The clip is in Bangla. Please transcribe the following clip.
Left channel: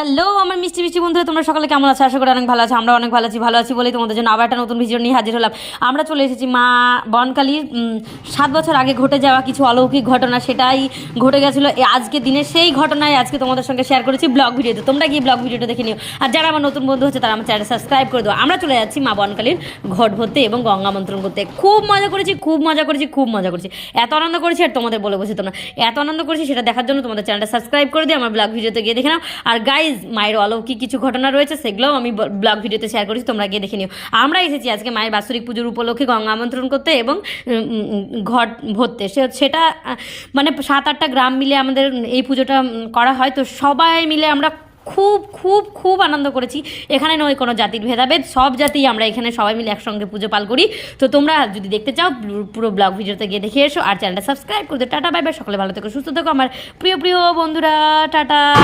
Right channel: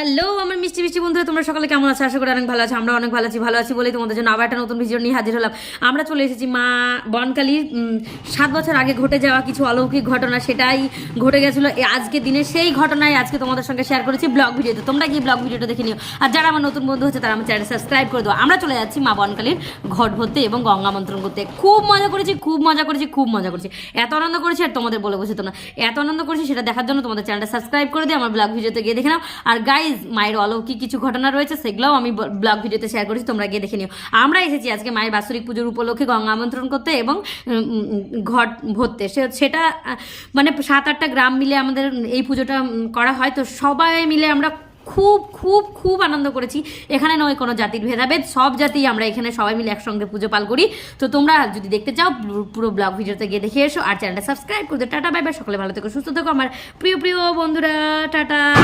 হ্যালো আমার মিষ্টি মিষ্টি বন্ধুরা, তোমরা সকালে কেমন আছো? আশা করি অনেক ভালো আছো আমরা অনেক ভালো আছি ভালো আছি বলেই তোমাদের জন্য আবার একটা নতুন ভিডিও নিয়ে হাজির হলাম। আমরা চলে এসেছি মা বনকালীর সাত বছর আগে ঘটে যাওয়া কিছু অলৌকিক ঘটনা, সেটাই ঘটে গেছিল। আজকে দিনে সেই ঘটনায় আজকে তোমাদের সঙ্গে শেয়ার করেছি ব্লগ ভিডিওতে তোমরা গিয়ে ব্লগ ভিডিওটা দেখে নিও। আর যারা আমার নতুন বন্ধু হচ্ছে, তারা আমার চ্যানেল সাবস্ক্রাইব করে দেবো আমরা চলে যাচ্ছি মা বনকালীর ঘট ভরতে এবং গঙ্গা মন্ত্রণ করতে। খুব মজা করেছি, খুব মজা করেছি, খুব মজা করেছি। এত আনন্দ করেছি আর তোমাদের বলে বসে তোমরা এত আনন্দ করেছি, সেটা দেখার জন্য তোমাদের চ্যানেলটা সাবস্ক্রাইব করে দিও আমার ব্লগ ভিডিওতে গিয়ে দেখে নাও। আর গাইজ মায়ের অলৌকিক কিছু ঘটনা রয়েছে, সেগুলোও আমি ব্লগ ভিডিওতে শেয়ার করেছি, তোমরা গিয়ে দেখে নিও। আমরা এসেছি আজকে মায়ের বাৎসরিক পুজোর উপলক্ষে গঙ্গা আমন্ত্রণ করতে এবং ঘট ভরতে। সে- সেটা মানে সাত আটটা গ্রাম মিলে আমাদের এই পুজোটা করা হয়। তো সবাই মিলে আমরা খুব খুব খুব আনন্দ করেছি। এখানে নয়, কোনো জাতির ভেদাভেদ। সব জাতি আমরা এখানে সবাই মিলে একসঙ্গে পুজো পাল করি। তো তোমরা যদি দেখতে চাও, পুরো- ব্লগ ভিডিওতে গিয়ে দেখে এসো আর চ্যানেলটা সাবস্ক্রাইব করে দিও। টাটা বাই সকলে ভালো থেকো, সুস্থ থেকো, আমার প্রিয় প্রিয় বন্ধুরা। টাটা।